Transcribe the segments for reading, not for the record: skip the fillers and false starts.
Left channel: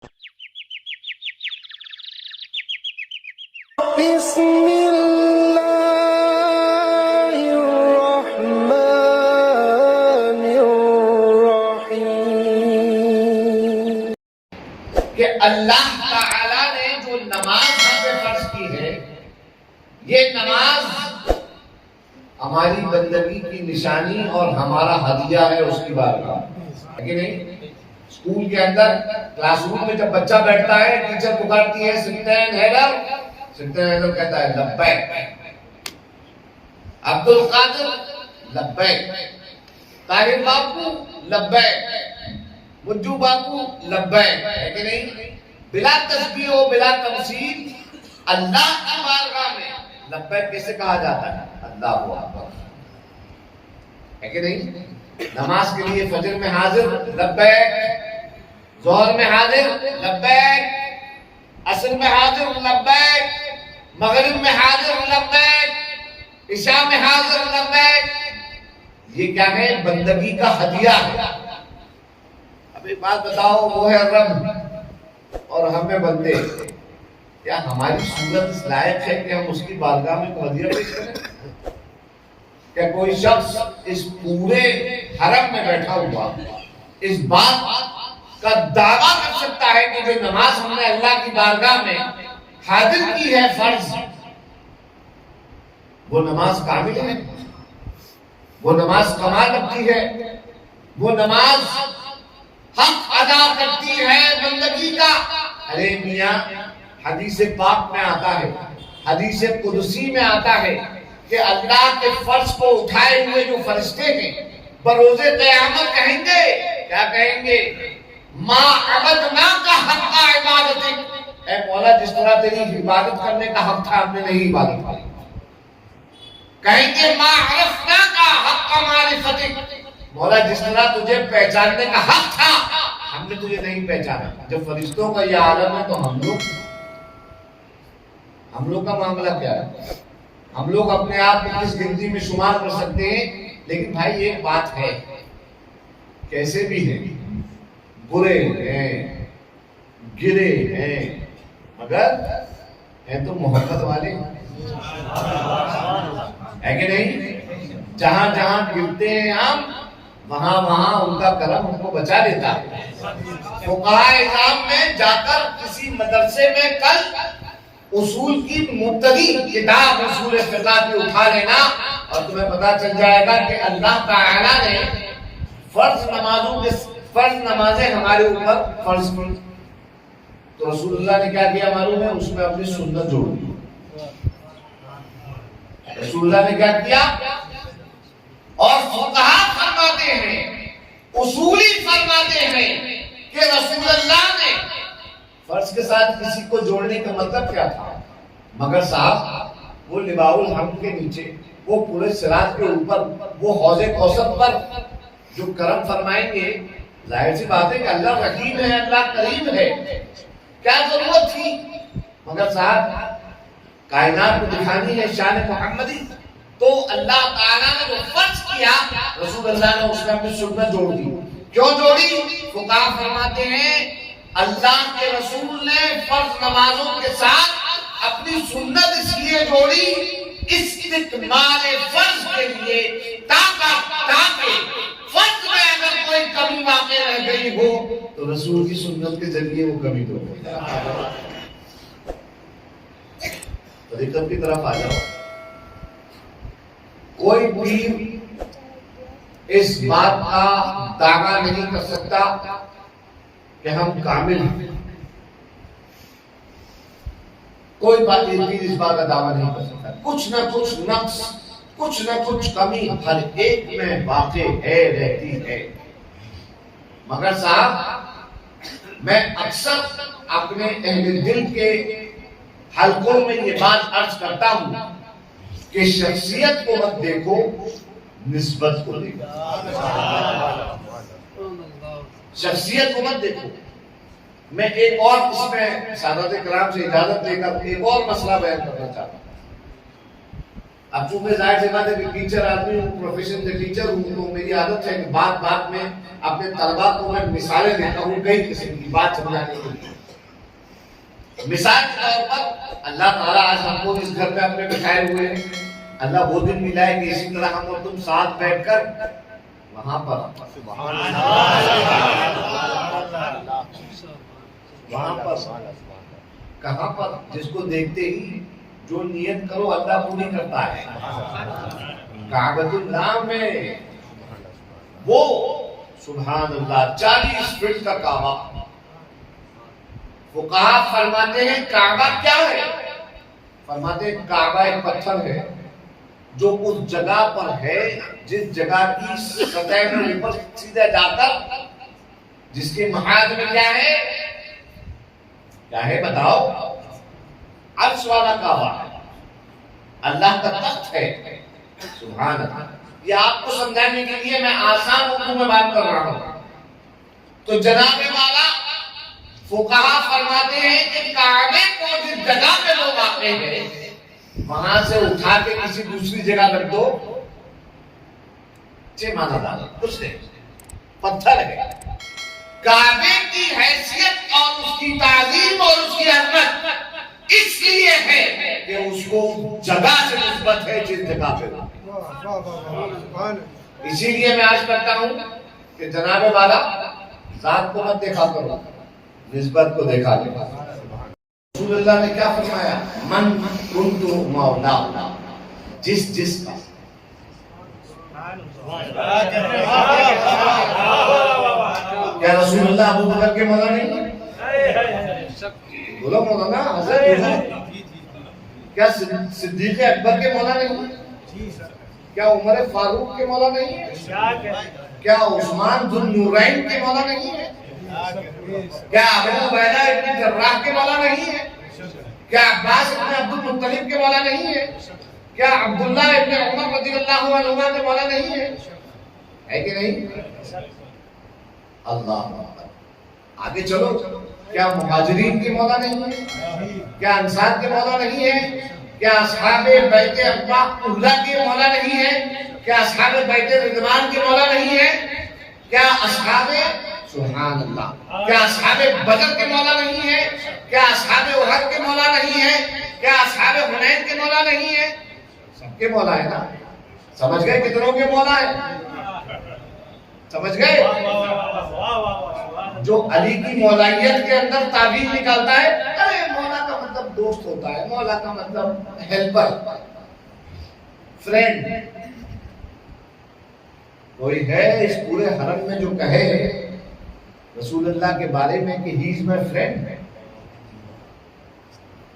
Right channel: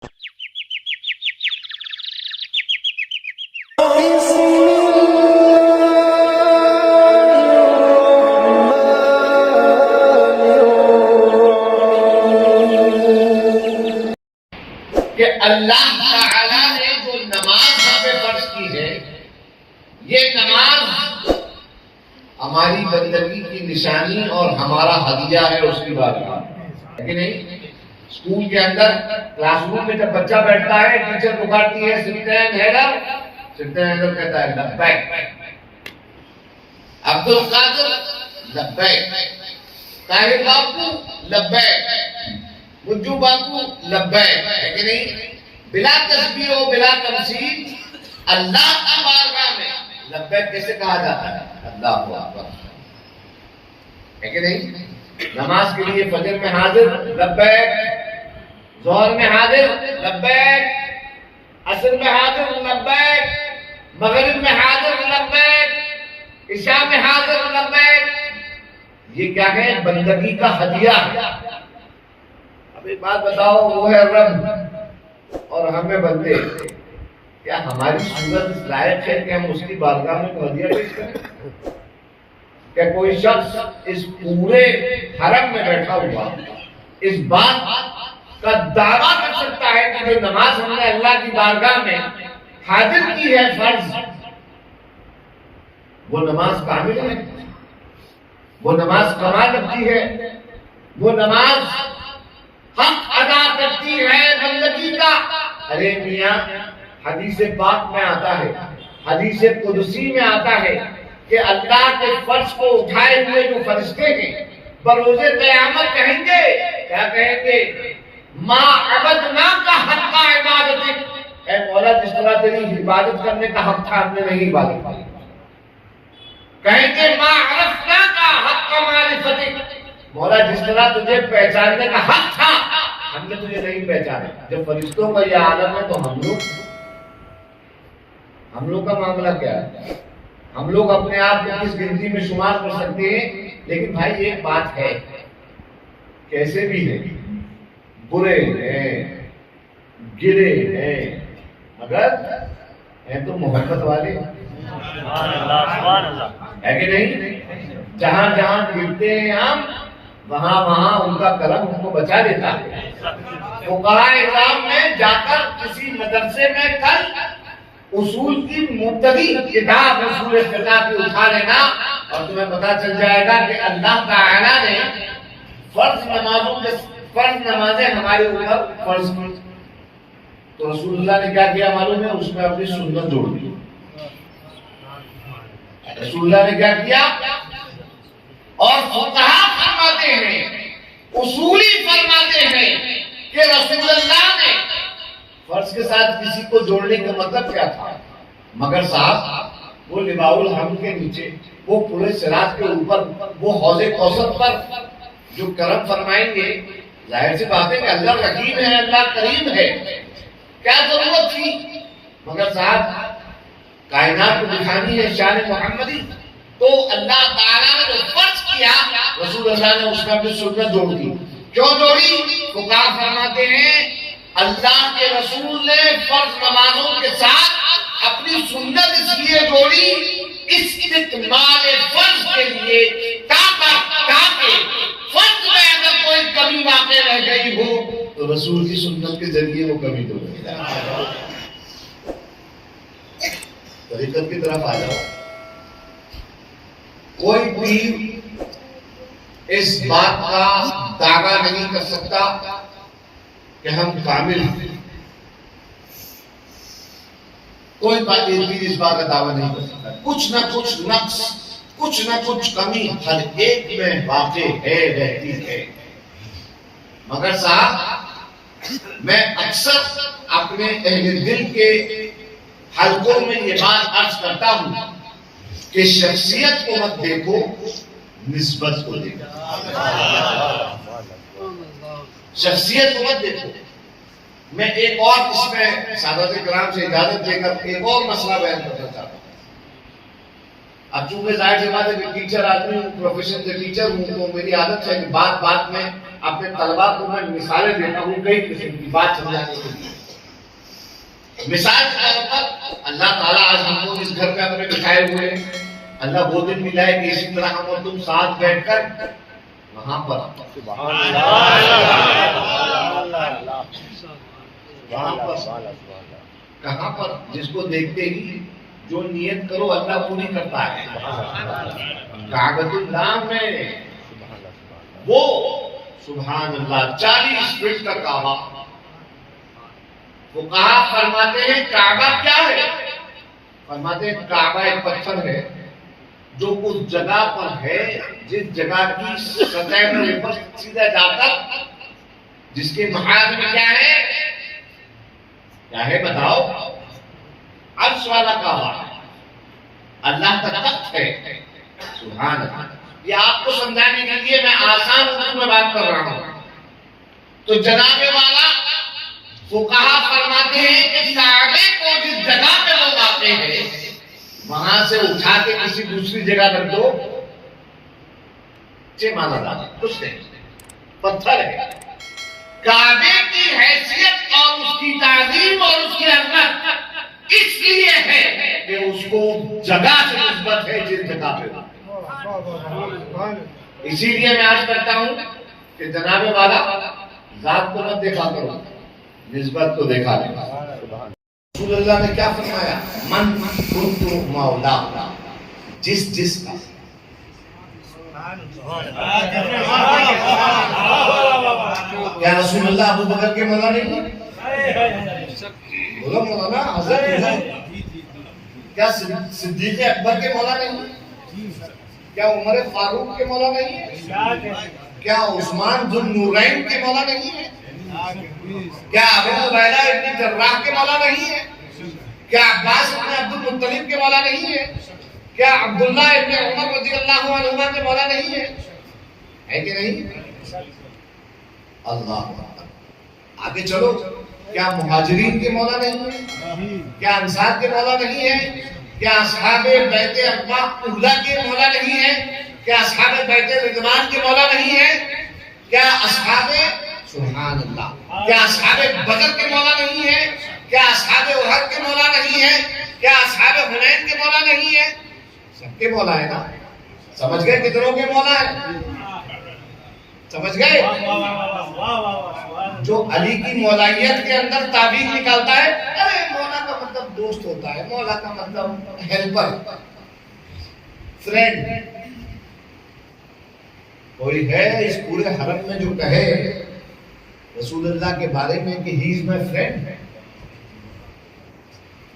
کہ اللہ تعالیٰ نے جو نماز ہم پہ فرض کی ہے، یہ نماز ہماری بندگی کی نشانی اور ہمارا ہدیہ ہے اس کی بارگاہ ہے کہ نہیں؟ اسکول کے اندر کلاس روم میں جب بچہ بیٹھتا ہے، ٹیچر پکارتی ہے سلطان حیدر، سلطان حیدر کہتا ہے لبیک، عبد القادر لبیک، طاہر باپو لبیک، مجو باپو لبیک، ہے کہ نہیں؟ بلا تسبیح و بلا تمثیل اللہ کی بارگاہ میں لبیک کیسے کہا جاتا ہے؟ اللہ اکبر، ہے کہ نہیں؟ نماز کے لیے فجر میں حاضر لبیک، ظہر میں حاضر لبیک، عصر میں حاضر لبیک، مغرب میں حاضر لبیک، عشاء میں حاضر لبیک۔ یہ کیا ہے؟ بندگی کا ہدیہ ہے۔ اب ایک بات بتاؤ، وہ ہے رب اور ہمیں بندے، کیا ہماری صورت اس لائق ہے کہ ہم اس کی بارگاہ میں ہدیہ پیش کریں؟ کہ کوئی شخص اس پورے حرم میں بیٹھا ہوا اس بات کا دعویٰ کر سکتا ہے کہ جو نماز ہم نے اللہ کی بارگاہ میں حاضر کی ہے فرض، وہ نماز کامل ہے، وہ نماز کمال رکھتی ہے، وہ نماز حق ادا کرتی ہے بندگی کا؟ ارے میاں، حدیث پاک میں آتا ہے، حدیث قدسی میں آتا ہے کہ اللہ کے فرض کو اٹھائے ہوئے جو فرشتے ہیں بروز قیامت کہیں گے، کیا کہیں گے؟ ما عبدناک حق عبادتک، اے مولا جس طرح تیری عبادت کرنے کا حق تھا ہم نے نہیں عبادت کی۔ کہیں گے ما عرفناک حق معرفتک، مولا جس طرح تجھے پہچاننے کا حق تھا ہم نے تجھے نہیں پہچانا۔ جب فرشتوں کا یہ عالم ہے تو ہم لوگ کا معاملہ کیا ہے؟ ہم لوگ اپنے آپ کو کس گنتی میں شمار کر سکتے ہیں؟ لیکن بھائی ایک بات ہے، کیسے بھی ہیں، برے ہیں، گرے ہیں، مگر ہیں تو محبت والے، ہے کہ نہیں؟ جہاں جہاں گرتے ہیں ہم، وہاں وہاں ان کا کرم ہم کو بچا لیتا ہے۔ فقہاء اعظام میں جا کر کسی مدرسے میں کل اصول کی مبتدی کتاب اصول فقہ کی اٹھا لینا اور تمہیں پتا چل جائے گا کہ اللہ تعالیٰ نے فرض نمازیں ہمارے اوپر فرض کی تو رسول اللہ نے کیا کیا معلوم ہے؟ اس میں اپنی سنت جوڑ دی۔ رسول اللہ نے کیا کیا؟ اور فقہاء فرماتے ہیں، اصولی فرماتے ہیں کہ رسول اللہ نے فرض کے ساتھ کسی کو جوڑنے کا مطلب کیا تھا؟ مگر صاحب وہ لواء الحمد کے نیچے، وہ پورے صراط کے اوپر، وہ حوض کوثر پر جو کرم فرمائیں گے، ظاہر سی بات ہے کہ اللہ رحیم ہے، اللہ کریم ہے، کیا ضرورت تھی؟ مگر صاحب کائنات کو دکھانی ہے شان محمدی، تو اللہ تعالیٰ نے جو فرض کیا رسول اللہ نے اس میں اپنی سنت جوڑ دی۔ کیوں جوڑی؟ فقہاء فرماتے ہیں اللہ کے رسول نے فرض نمازوں کے ساتھ اپنی سنت اس لیے جوڑی، استکمال فرض کے لیے، تاکہ فرض میں اگر کوئی کمی واقع رہ گئی ہو تو رسول کی سنت کے ذریعے وہ کمی دور ہو جائے۔ طریقت کی طرف آ جاؤ، کوئی پیر اس بات کا دعویٰ نہیں کر سکتا کہ ہم کامل ہیں، کوئی پیر اس بات کا دعویٰ نہیں کر سکتا، کچھ نہ کچھ نقص، کچھ نہ کچھ کمی ہر ایک میں واقع ہے، رہتی ہے۔ مگر صاحب میں اکثر اپنے اہل دل کے حلقوں میں یہ بات عرض کرتا ہوں کہ شخصیت کو مت دیکھو، نسبت کو دیکھو۔ شخصیت کو مت دیکھو۔ میں ایک اور اس میں سادات کرام سے اجازت دے کر ایک اور مسئلہ بیان کرنا چاہتا ہوں۔ اب چونکہ ظاہر سی بات ہے کہ ٹیچر آدمی ہوں، پروفیشن سے ٹیچر ہوں، تو میری عادت ہے کہ بات بات میں اپنے طلباء کو میں مثالیں دیتا ہوں کئی قسم کی بات سمجھانے کے لیے۔ مثال کے طور پر اللہ تعالیٰ آج ہم کو اس گھر پہ اپنے بٹھائے ہوئے ہیں، اللہ وہ دن ملا ہے کہ اسی طرح ہم اور تم ساتھ بیٹھ کر وہاں پر کہاں پر جس کو دیکھتے ہی جو نیت کرو اللہ پوری کرتا ہے، کعبۃ اللہ میں وہ سبحان اللہ 40 فٹ کا کعبہ۔ فقہا فرماتے ہیں کعبہ کیا ہے؟ فرماتے ہیں کعبہ ایک پتھر ہے جو اس جگہ پر ہے جس جگہ کی سطح پر سیدھا جا کر جس کے محاذ میں کیا ہے بتاؤ؟ عرش والا کعبہ اللہ کا تخت ہے، سبحان اللہ۔ یہ آپ کو سمجھانے کے لیے میں آسان اردو میں بات کر رہا ہوں۔ تو جناب والا فقہا فرماتے ہیں کہ کعبے کو جس جگہ پہ وہ واقع ہے وہاں سے اٹھا کے کسی دوسری جگہ رکھ دو، مانا ڈالو، کچھ نہیں، پتھر ہے۔ کعبے کی حیثیت اور اس کی تعظیم اور اس کی عظمت اس لیے ہے کہ اس کو جگہ سے نسبت ہے جس جگہ پہ ہو۔ اسی لیے میں عرض کرتا ہوں کہ جناب والا ذات کو مت دیکھا کرو، نسبت کو دیکھا کرو۔ رسول اللہ نے کیا فرمایا؟ من کنت مولا، جس کا کیا رسول اللہ ابو بکر کے مولا نہیں؟ بولو مولانا حضرت، کیا صدیق اکبر کے مولا نہیں؟ کیا عمر فاروق کے مولا نہیں ہے؟ کیا عثمان ذو النورین کے مولا نہیں ہے؟ کیا ابو عبیدہ ابن جراح کے مولا نہیں ہے؟ کیا عباس ابن عبد المطلب کے مولا نہیں ہے؟ کیا عبداللہ ابن عمر رضی اللہ عنہما کے مولا نہیں ہے کہ نہیں؟ اللہ آگے چلو، کیا مہاجرین کے مولا نہیں ہے؟ کیا انصار کے مولا نہیں ہے؟ کیا اصحاب بیت عقبہ اولا کے مولا نہیں ہے؟ کیا اصحاب بیت رضوان کے مولا نہیں ہے؟ کیا اصحاب سبحان اللہ، کیا اصحاب بدر کے مولا نہیں ہے؟ کیا اصحاب احد کے مولا نہیں ہے؟ کیا اصحاب حنین کے مولا نہیں ہے؟ سب کے مولا ہے نا۔ سمجھ گئے کتنوں کے مولا ہے؟ سمجھ گئے؟ جو علی کی مولائیت کے اندر تعبیر نکالتا ہے، ارے مولا کا مطلب دوست ہوتا ہے، مولا کا مطلب ہیلپر، فرینڈ۔ کوئی ہے اس پورے حرم میں جو کہے رسول اللہ کے بارے میں کہ ہی از مائی فرینڈ؟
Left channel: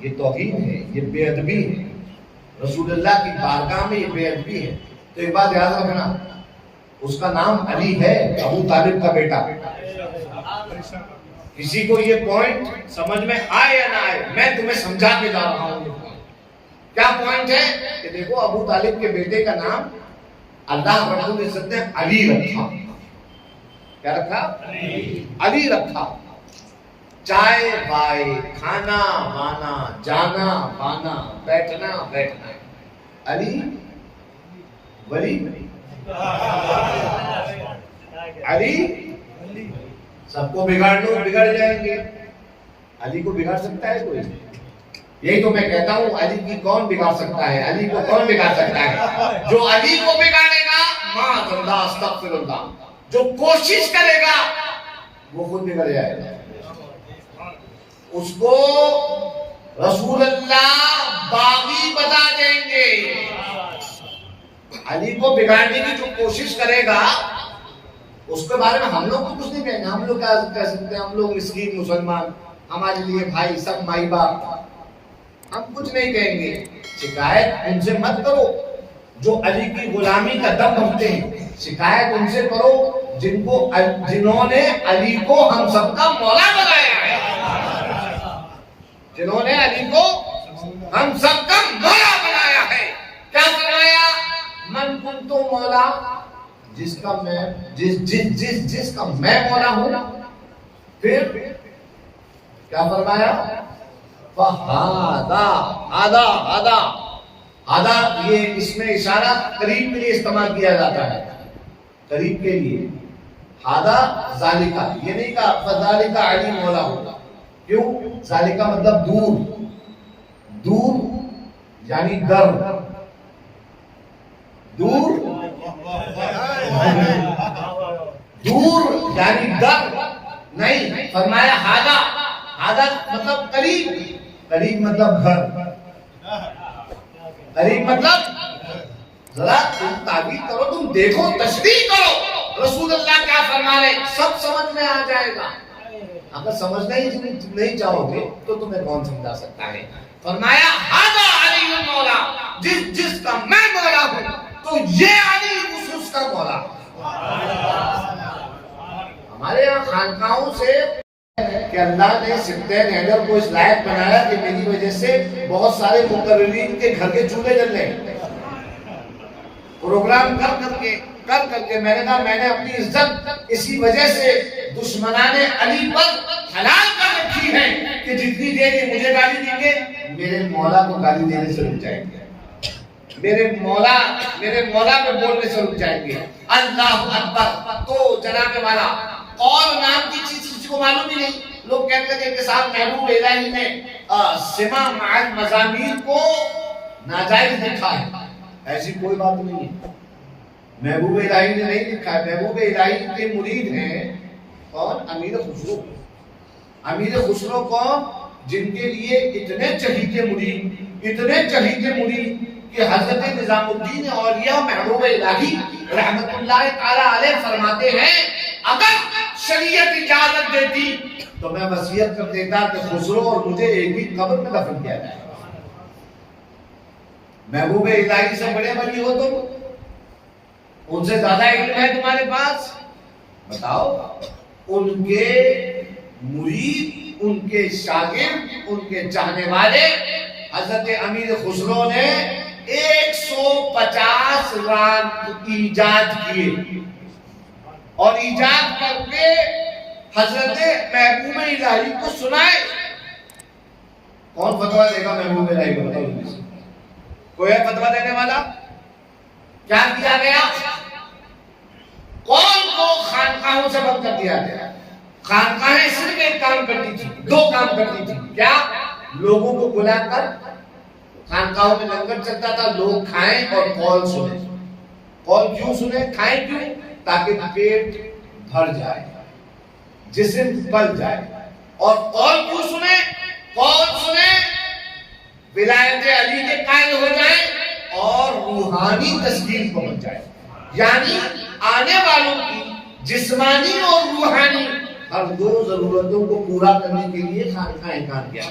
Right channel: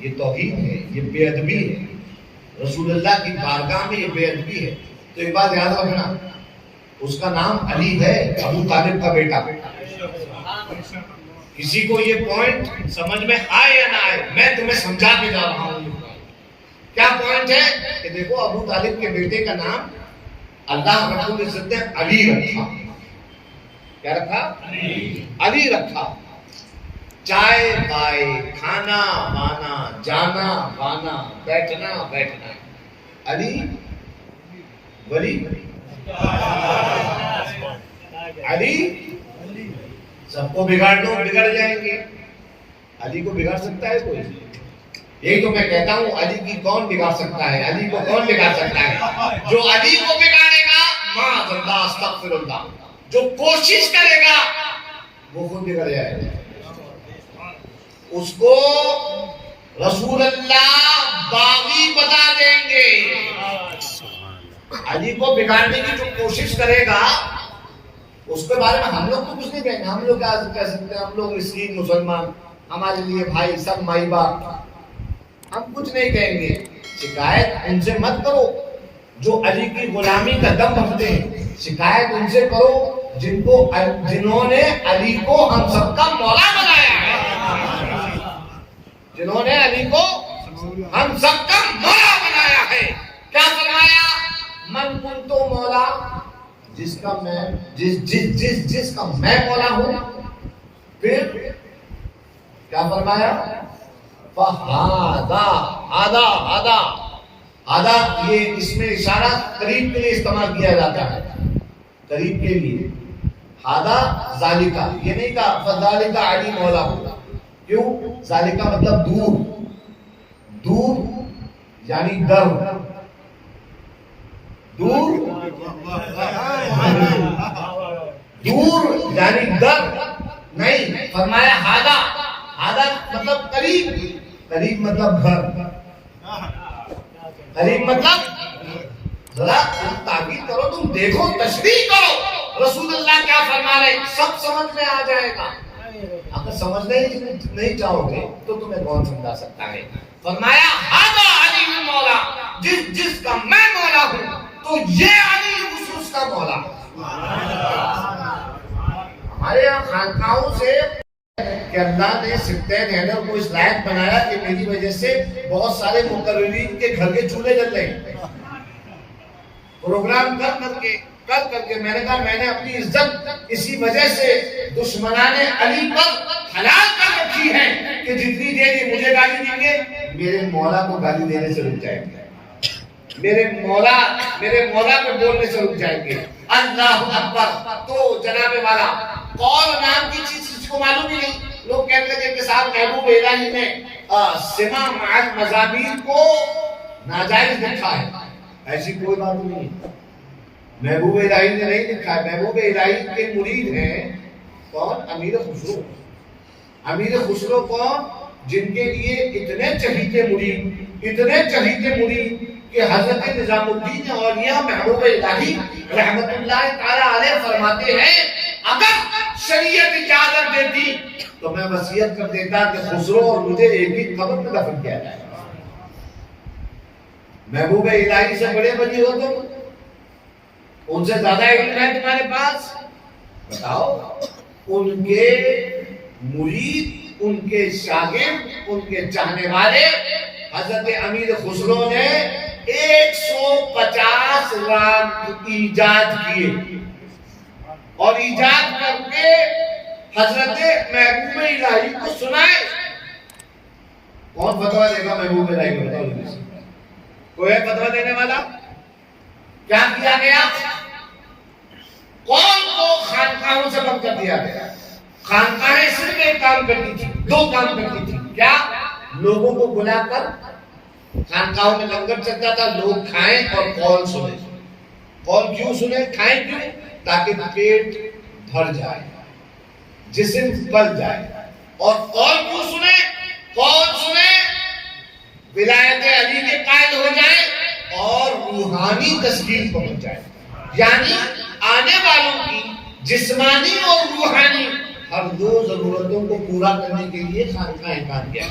یہ توہین ہے، یہ بے ادبی ہے، رسول اللہ کی بارگاہ میں یہ بے ادبی ہے۔ تو ایک بات یاد رکھنا، اس کا نام علی ہے، ابو طالب کا بیٹا۔ کسی کو یہ پوائنٹ سمجھ میں آئے یا نہ آئے، میں تمہیں سمجھا کے جا رہا ہوں۔ کیا پوائنٹ ہے کہ دیکھو ابو طالب کے بیٹے کا نام اللہ رب العزت نے علی رکھا۔ کیا رکھا؟ علی رکھا۔ چائے بائے، کھانا بانا، جانا بانا، بیٹھنا بیٹھنا، علی ولی علی۔ سب کو بگاڑ لو بگڑ جائیں گے، علی کو بگاڑ سکتا ہے کوئی؟ یہی تو میں کہتا ہوں، علی کی کون بگاڑ سکتا ہے؟ علی کو کون بگاڑ سکتا ہے؟ جو علی کو بگاڑے گا معاذ اللہ استغفر اللہ، جو کوشش کرے گا وہ خود بگڑ جائے گا۔ اس کو رسول اللہ باغی بتا دیں گے۔ علی کو بگاڑنے کی جو کوشش کرے گا اس کے بارے میں ہم لوگ کو کچھ نہیں کہیں گے۔ ہم لوگ کیا کہہ سکتے ہیں؟ ہم لوگ مسکین مسلمان، ہمارے لیے بھائی سب مائی باپ، ہم کچھ نہیں کہیں گے۔ شکایت ان سے مت کرو جو علی کی غلامی کا دم رکھتے ہیں، شکایت ان سے کرو جنہوں نے علی کو ہم سب کا مولا بنایا ہے، جنہوں نے علی کو ہم سب کا مولا بنایا ہے۔ کیا فرمایا؟ من کنت مولا، جس کا میں مولا ہوں۔ پھر کیا فرمایا؟ فہذا آدھا یہ اس میں اشارہ قریب کے لیے استعمال کیا جاتا ہے، قریب کے لیے. ہادہ ذالکہ، یہ نہیں کہا فذالکہ علی مولا ہوگا. کیوں؟ ذالکہ مطلب دور، دور یعنی در، دور دور یعنی در نہیں. فرمایا ہادہ، ہادہ مطلب قریب، قریب مطلب گھر، قریب مطلب ذرا تم تعبیر کرو، تم دیکھو، تشریح کرو رسول اللہ کیا فرما رہے، سب سمجھ میں آ جائے گا. اگر سمجھنا ہی نہیں چاہو گے تو تمہیں کون سمجھا سکتا ہے. فرمایا ہذا علی المولا، جس کا میں مولا ہوں تو یہ علی اس کا مولا. ہمارے یہاں خانقاہوں سے کہ اللہ نے سبطین حیدر کو اس لائق بنایا کہ میری وجہ سے بہت سارے مقررین کے گھر کے چولہے جل رہے ہیں. پروگرام کر کے میں نے کہا میں نے اپنی عزت اسی وجہ سے دشمنان علی پر حلال کر رکھی ہے کہ جتنی دیر یہ مجھے گالی دیں گے میرے مولا کو گالی دینے سے رک جائیں گے، میرے مولا پہ بولنے سے رک جائیں گے. اللہ اکبر. تو جناب والا قول نام کی چیز کسی کو معلوم ہی نہیں. لوگ کہتے ہیں کہ صاحب محبوب الہی نے سما مع المزامیر کو ناجائز لکھا ہے. ایسی کوئی بات نہیں ہے، محبوب الہی نے نہیں لکھا ہے. محبوب الہی کے مرید ہیں کون؟ امیر خسرو. امیر خسرو کون؟ جن کے لیے اتنے چہیتے مرید کہ حضرت نظام الدین اولیاء محبوب الہی رحمت اللہ تعالی علیہ فرماتے ہیں اگر شریعت اجازت دیتی تو میں وصیت کر دیتا کہ خسرو اور مجھے ایک ہی قبر میں دفن کیا جائے. محبوب الہی سے بڑے ولی ہو تم، ان سے زیادہ علم ہے تمہارے پاس، بتاؤ. ان کے مرید، ان کے شاگرد، ان کے چاہنے والے حضرت امیر خسرو نے 150 رام ایجاد کیے اور ایجاد کر کے حضرت محبوب الہی کو سنائے. کون فتویٰ دے گا محبوب الہی کو؟ بتاؤ کوئی ہے فتویٰ دینے والا؟ کیا کیا گیا؟ کون کو خانقاہوں سے بند کر دیا گیا. خانقاہیں صرف ایک کام کرتی تھی، دو کام کرتی تھی. کیا؟ لوگوں کو بلا کر خانقاہوں میں لنگر چلتا تھا، لوگ کھائیں اور قول سنیں. قول کیوں سنیں؟ کھائیں کیوں؟ تاکہ پیٹ بھر جائے، جسم پل جائے. اور قول کیوں سنیں؟ قول سنیں ولایت علی کے قائل ہو جائیں اور روحانی تسکین پہنچ جائے. یعنی آنے والوں کی جسمانی اور روحانی ہر دو ضرورتوں کو پورا کرنے کے لیے خانقاہیں کام کیا.